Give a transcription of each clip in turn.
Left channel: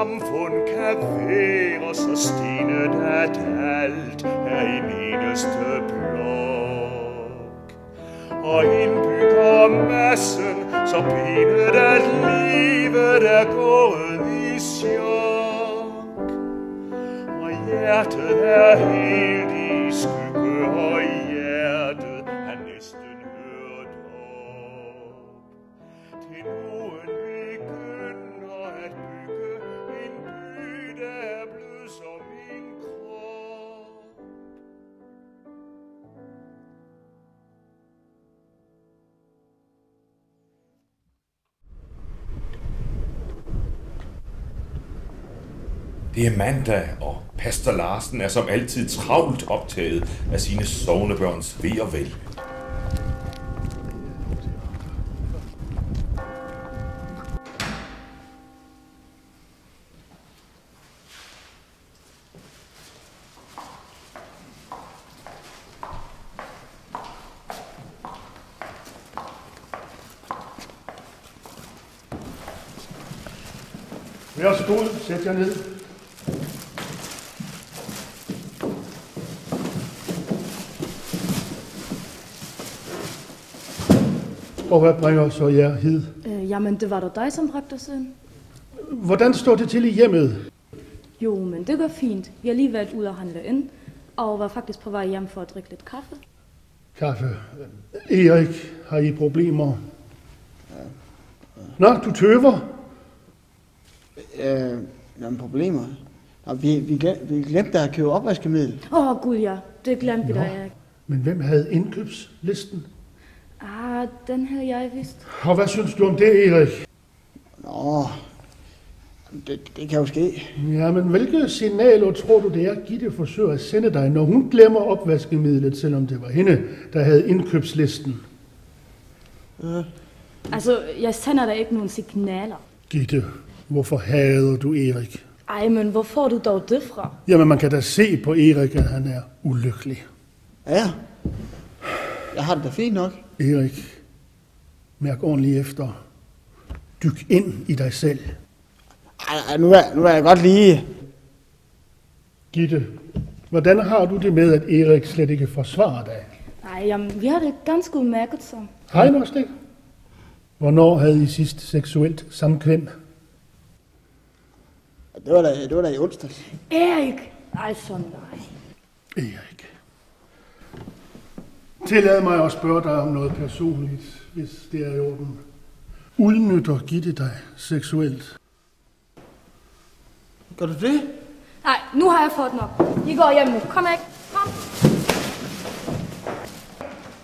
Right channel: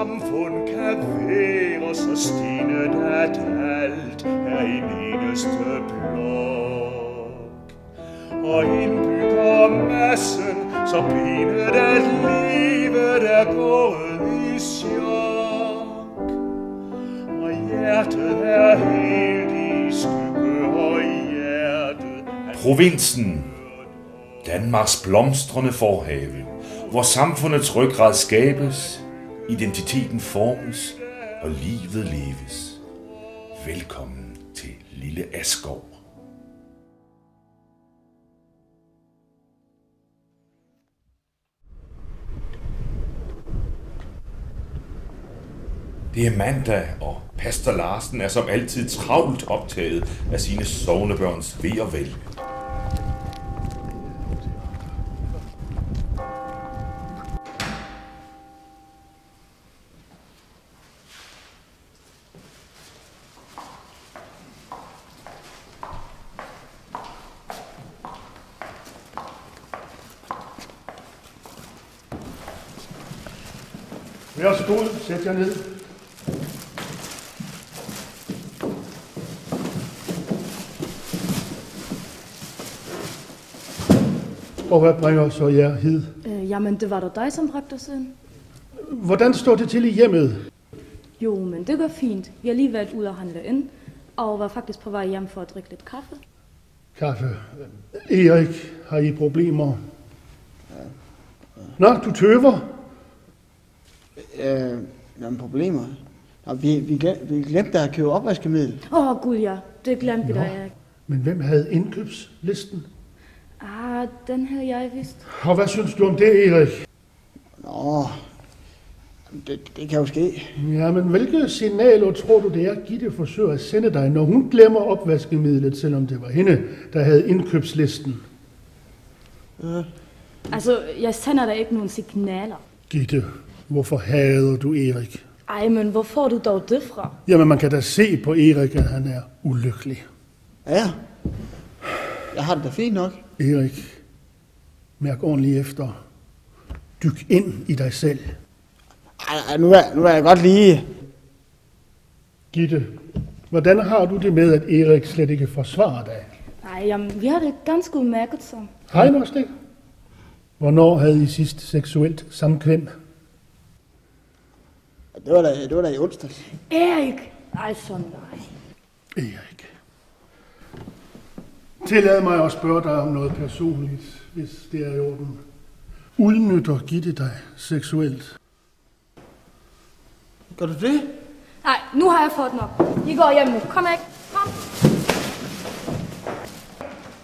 samfund kan være så stenet, at alt er en eneste blok. Og indbygger massen så benet, at livet er gået i chok. Og hjertet er helt i skygge, og hjertet er næsten hørt op. Til nogen begynder at bygge en by, der er blød som en krop. Det er mandag, og pastor Larsen er som altid travlt optaget af sine sognebørns ve og vel. Vær så god, sæt jer ned. Og hvad bringer så jer hid? Jamen, det var da dig, som bragte os ind. Hvordan står det til i hjemmet? Jo, men det går fint. Vi har lige været ude og handle ind, og var faktisk på vej hjem for at drikke lidt kaffe. Kaffe. Erik, har I problemer? Nå, du tøver. Nogle problemer? Nå, vi glemte at købe opvaskemiddel. Gud ja, det glemte vi da, Erik. Men hvem havde indkøbslisten? Den havde jeg vist. Og hvad synes du om det, Erik? Nå, det kan jo ske. Ja, men hvilke signaler tror du, det er, Gitte forsøger at sende dig, når hun glemmer opvaskemidlet, selvom det var hende, der havde indkøbslisten? Altså, jeg sender da ikke nogen signaler. Gitte, hvorfor hader du Erik? Ej, men hvor får du dog det fra? Jamen, man kan da se på Erik, at han er ulykkelig. Ja, jeg har det da fint nok. Erik, mærk ordentligt efter. Dyk ind i dig selv. Ej, nu er jeg godt lige. Gitte, hvordan har du det med, at Erik slet ikke forsvarer dig? Nej, jamen, vi har det ganske udmærket så. Hej, Nostik. Hvornår havde I sidst seksuelt samkvem? Det var da i onsdags. Erik! Ej, så nej. Erik. Tillad mig at spørge dig om noget personligt, hvis det er i orden. Udnytter Gitte dig seksuelt? Gør du det? Nej, nu har jeg fået nok. I går hjem nu. Kom ikke. Kom.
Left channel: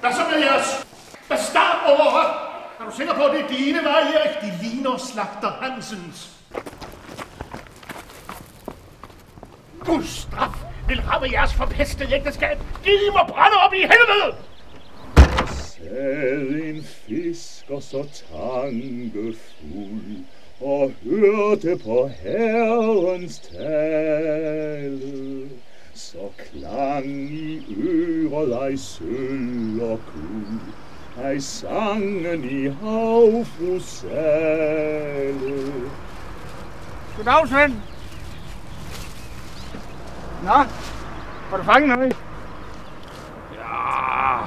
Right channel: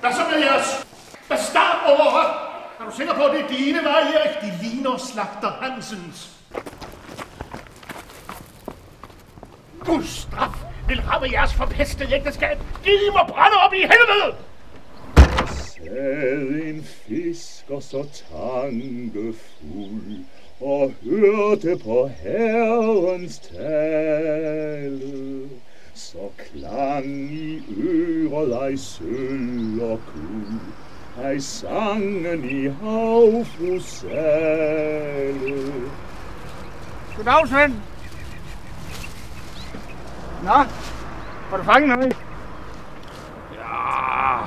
Hvad så med jeres bastardover? Er du sikker på, at det er dine, var Erik? De ligner slagter Hansens. Guds straf vil ramme jeres forpestede ægteskab. Gid I må brænde op i helvede! Sad en fisker så tankefuld og hørte på Herrens tale. Så klang i øret ej sølv og guld, ej sangen i havfrusale. Goddag, Svend. Nå, har du fanget noget? Ja.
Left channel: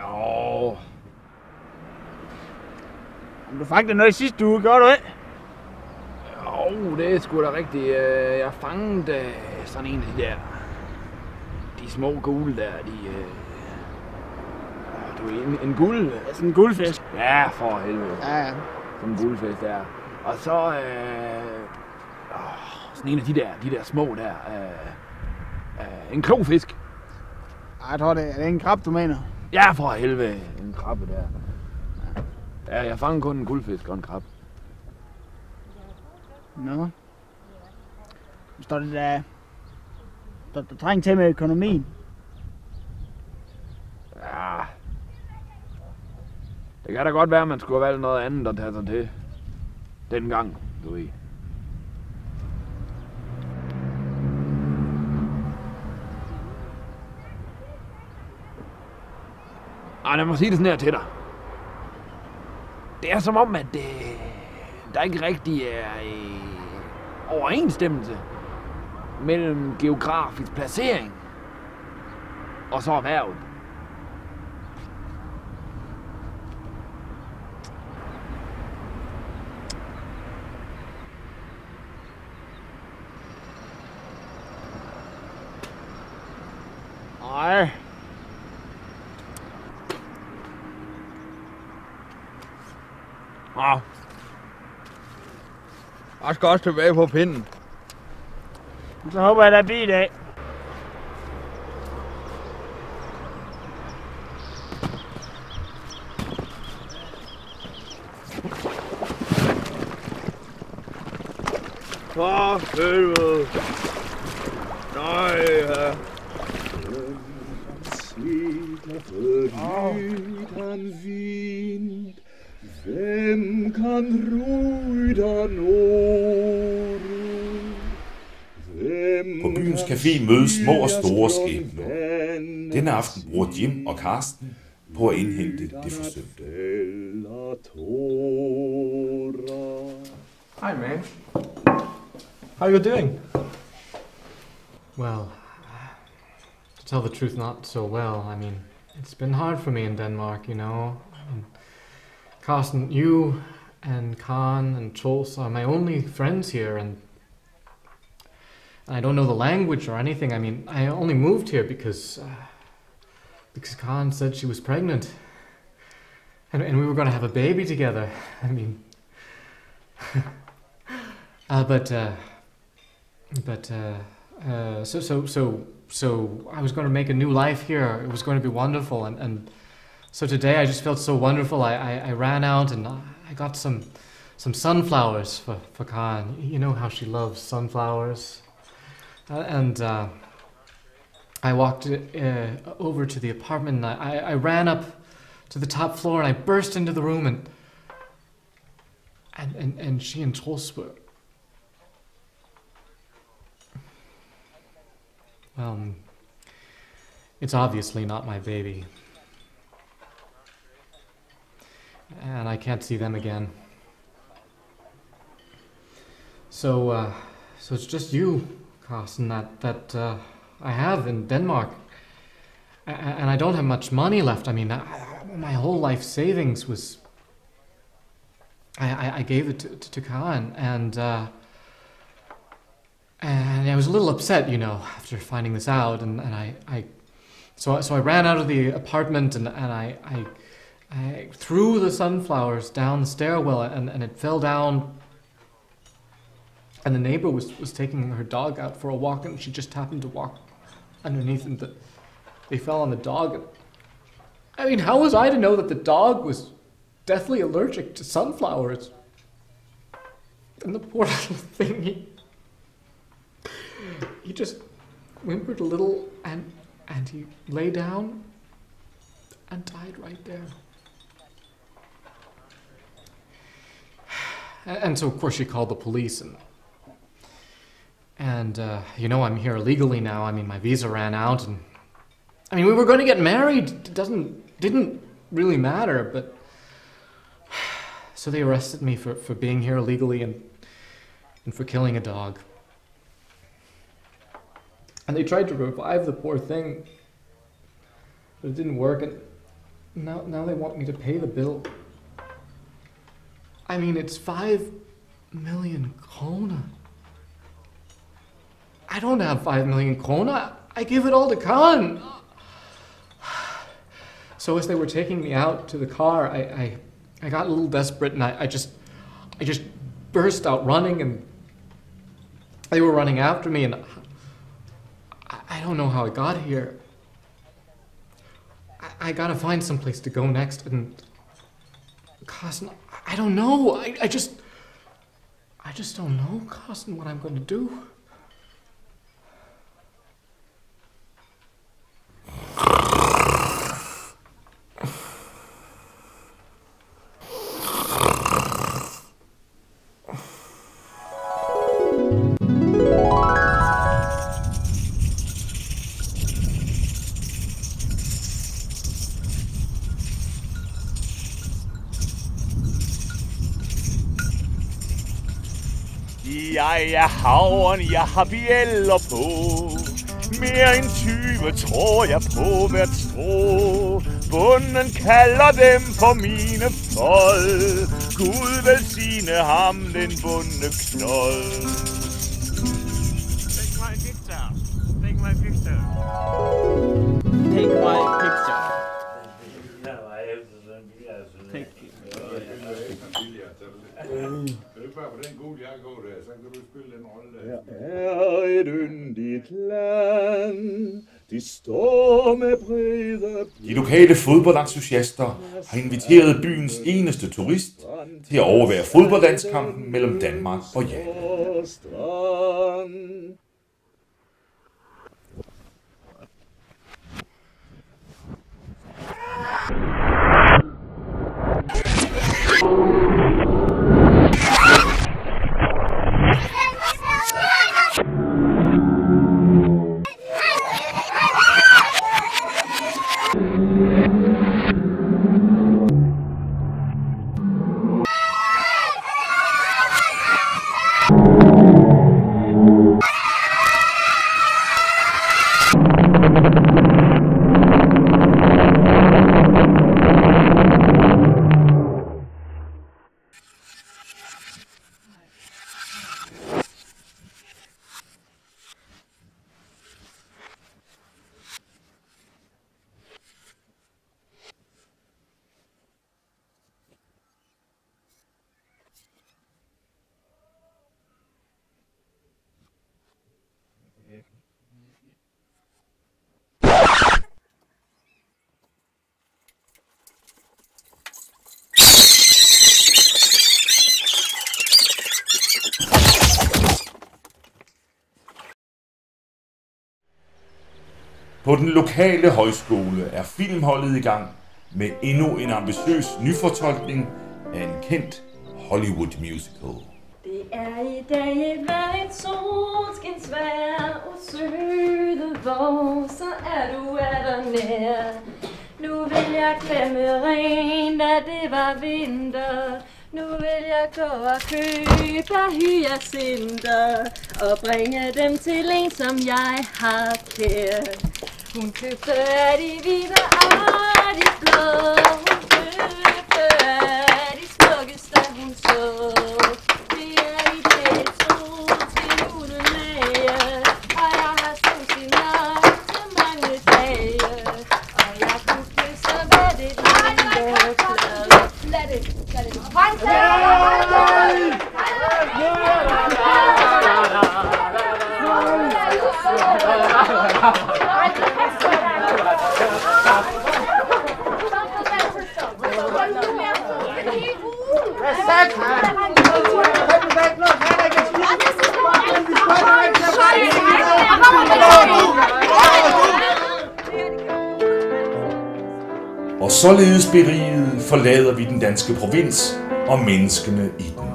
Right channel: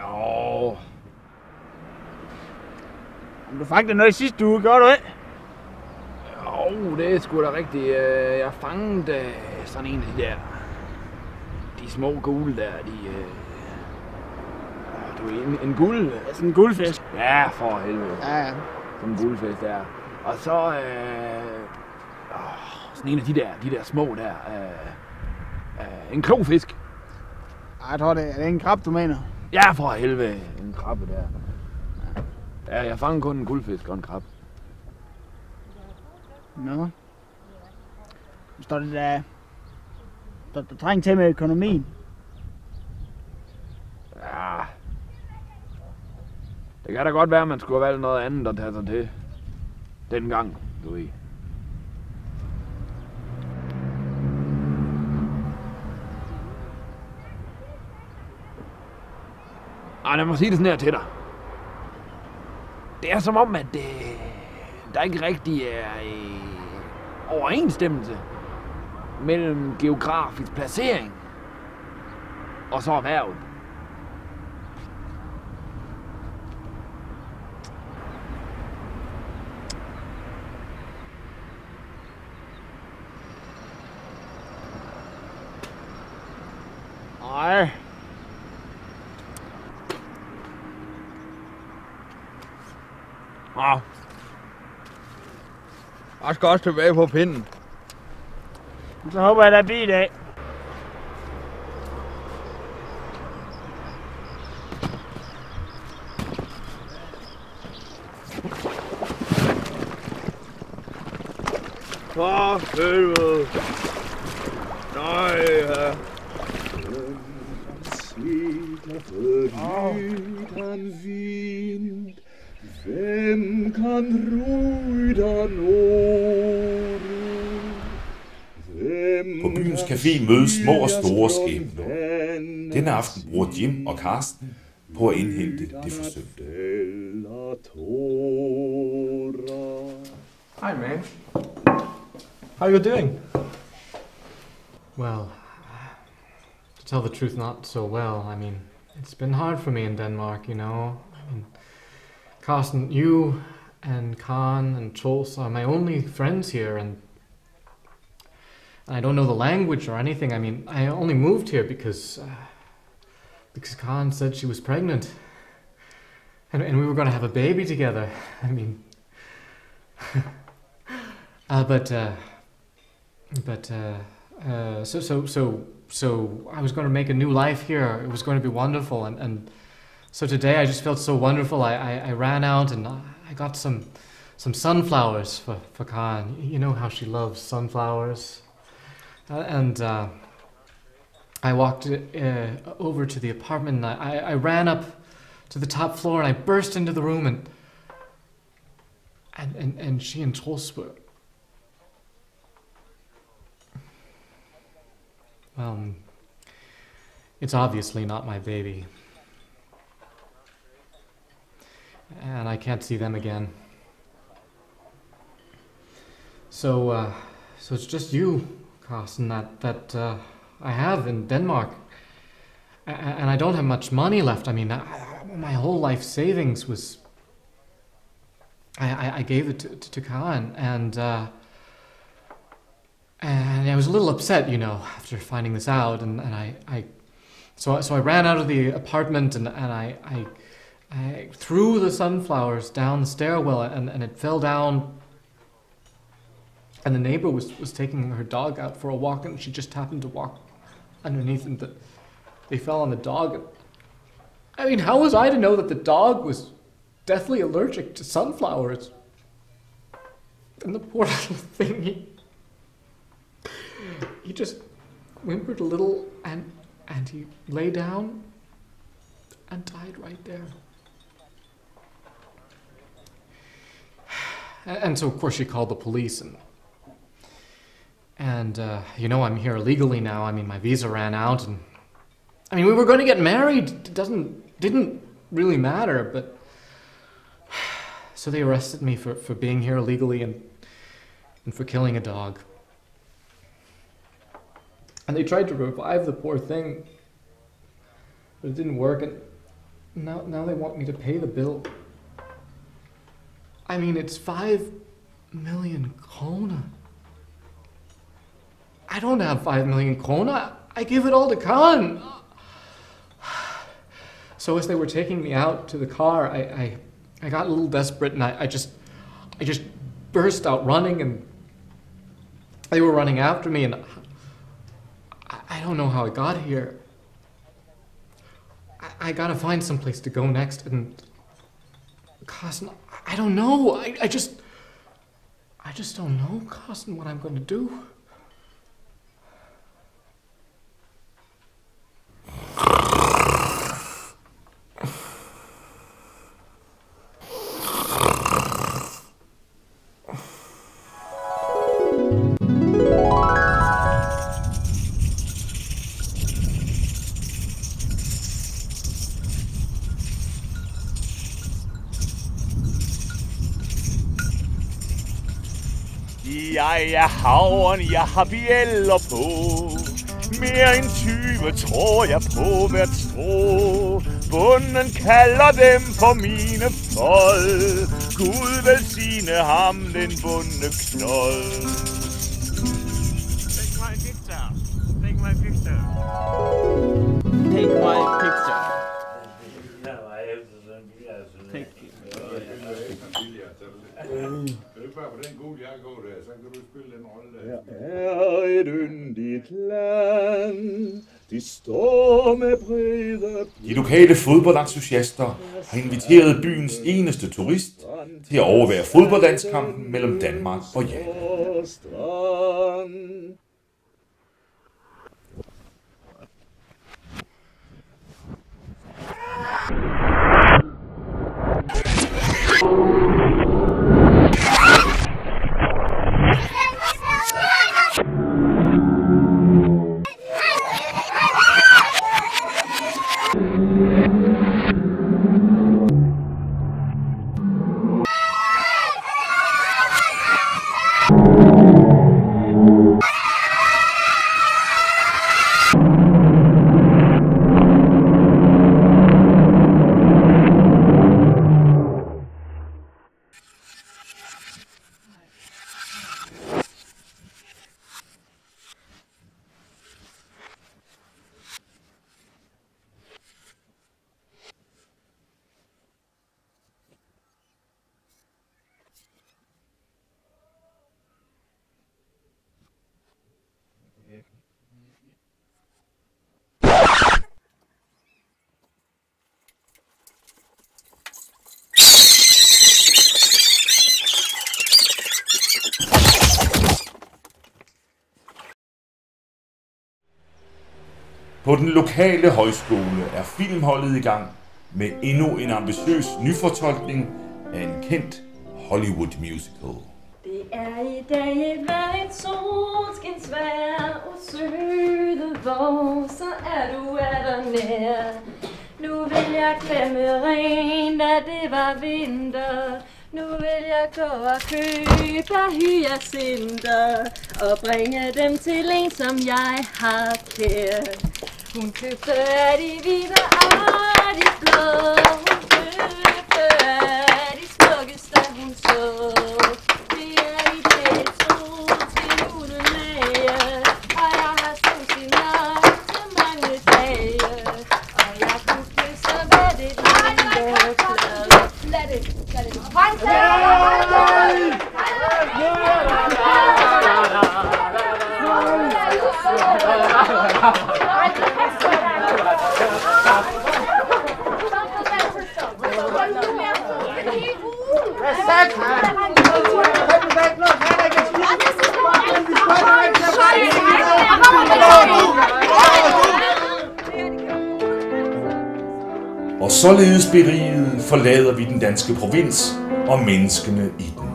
Jo. Du fangede noget i sidste uge, gjorde du ikke? Jo, det er sgu da rigtigt. Jeg fangede sådan en af de der... De små gule der, du er en guld... Sådan en guldfisk. Ja, for helvede. Ja. Sådan en guldfisk der. Og så... sådan en af de der små der... en klofisk. Jeg tror, det er en krab, du mener. Ja, for helvede. En krabbe der. Ja, jeg fangede kun en guldfisk og en krab. Nå. Står det der... Der trænger til med økonomien. Ja. Det kan da godt være, at man skulle have valgt noget andet at tage sig til. Dengang, du ved. Ej, lad mig sige det sådan her til dig. Det er som om, at der ikke rigtig er overensstemmelse mellem geografisk placering og så erhvervet. Nej. Jeg skal også tilbage på pinden. Så håber jeg, der bliver i dag. For helvede. Nej, ja. Utan vind, hvem kan rudan åre? På byens café mødes små og store skæbner. Denne aften bruger Jim og Karsten på at indhente det forsømte. Hi, man. How are you doing? Well, to tell the truth, not so well. I mean, it's been hard for me in Denmark, you know. And Carsten, you and Khan and Troels are my only friends here, and I don't know the language or anything. I mean, I only moved here because Khan said she was pregnant, and we were going to have a baby together. I mean, So I was going to make a new life here. It was going to be wonderful, and so today I just felt so wonderful. I ran out and I got some sunflowers for Khan. You know how she loves sunflowers, and I walked over to the apartment. And I ran up to the top floor and I burst into the room and she and Troels were. Well, it's obviously not my baby. And I can't see them again. So it's just you, Carsten, that I have in Denmark. And I don't have much money left. I mean, my whole life savings was... I gave it to Khan, and I was a little upset, you know, after finding this out, and so I ran out of the apartment and I threw the sunflowers down the stairwell and it fell down, and the neighbor was taking her dog out for a walk, and she just happened to walk underneath, and they fell on the dog. And, I mean, how was I to know that the dog was deathly allergic to sunflowers? And the poor little thing, he just whimpered a little and he lay down and died right there. And so of course she called the police, and you know, I'm here illegally now. I mean, my visa ran out, and I mean, we were going to get married. It didn't really matter, but so they arrested me for being here illegally and for killing a dog. And they tried to revive the poor thing, but it didn't work, and now they want me to pay the bill. I mean, it's 5 million krona. I don't have 5 million krona. I give it all to Khan. So as they were taking me out to the car, I got a little desperate, and I just burst out running, and they were running after me, and I don't know how I got here. I gotta find some place to go next, and Carsten, I don't know. I just don't know, Carsten, what I'm going to do. Jeg er havren, jeg har bjælder på. Mere end 20 tror jeg på hvert strå. Bunden kalder dem for mine fold. Gud velsigne ham, den bundne knold. Take my picture. Take my picture. Take my picture. Er et yndigt land, de står med brede. De lokale fodboldentusiaster har inviteret byens eneste turist til at overvære fodboldlandskampen mellem Danmark og Japan. På den lokale højskole er filmholdet i gang med endnu en ambitiøs nyfortolkning af en kendt Hollywood musical. Det er i dag et solskinsvejr og søde vår, så er du der nær. Nu vil jeg klemme rent, da det var vinter. Nu vil jeg gå og købe hyacinter og bringe dem til en, som jeg har kær. Hun købte af de hvide og de blå. Hun købte af de smukkeste, hun så. Det er i dag solskin uden mage, og jeg har solskin nok til mange dage. Og jeg kunne kysse med det lille klad. Lad det. Og således beriget forlader vi den danske provins og menneskene i den.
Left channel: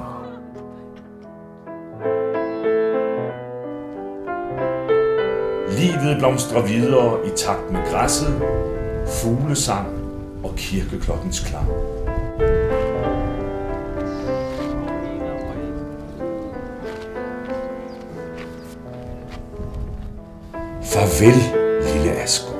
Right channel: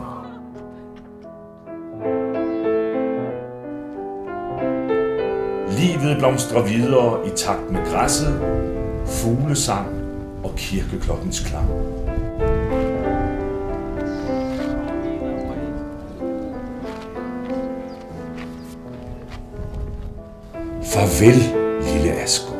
Livet blomstrer videre i takt med græsset, fuglesang og kirkeklokkens klang. Farvel, lille Asger.